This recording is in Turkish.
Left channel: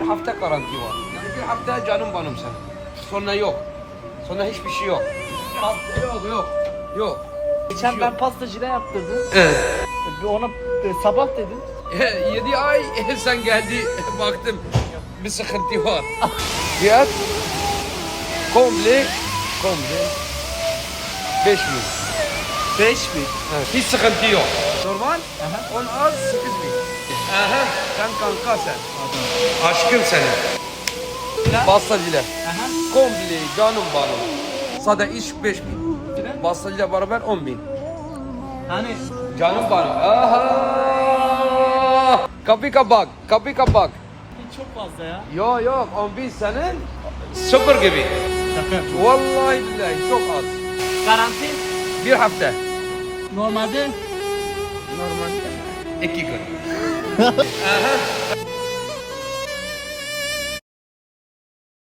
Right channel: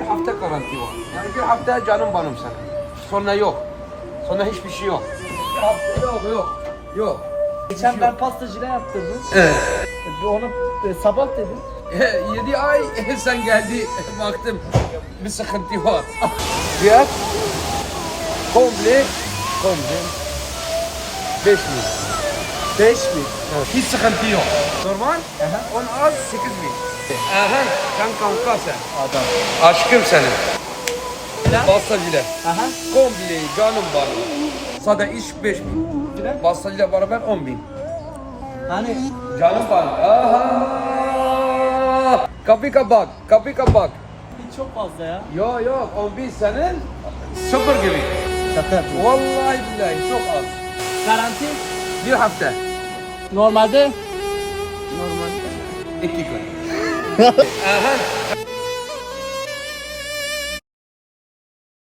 bir hafta garanti var. Yani bir hafta canım benim sana. Sonra yok. Sonra hiçbir şey yok. Bir hafta yok yok. Yok. Geçen ben pastacıyla yaptırdım. Evet. E, Ona e, sabah dedim. 7 ay sen geldi baktım bir sıkıntı var. Fiyat komple komple 5 bin. 5 bin. Evet. Hiç sıkıntı yok. Normal Aha. 10 az 8 bin. Aha sen kanka sen. Adam. Aşkım senin. Plan? Pastacılar. Aha. Komple canım benim. Sade iş 5 bin. Plan? Pastacıyla beraber 10 bin. Hani Canım benim. Aha. Kapı kapak, kapı kapak. çok fazla ya. Yok yok 10 bin senin sıfır gibi. Şaka yapıyorum. Vallahi billahi çok az. Garanti Bir hafta. normalde Normal. İki gün. 呵呵啊哈哈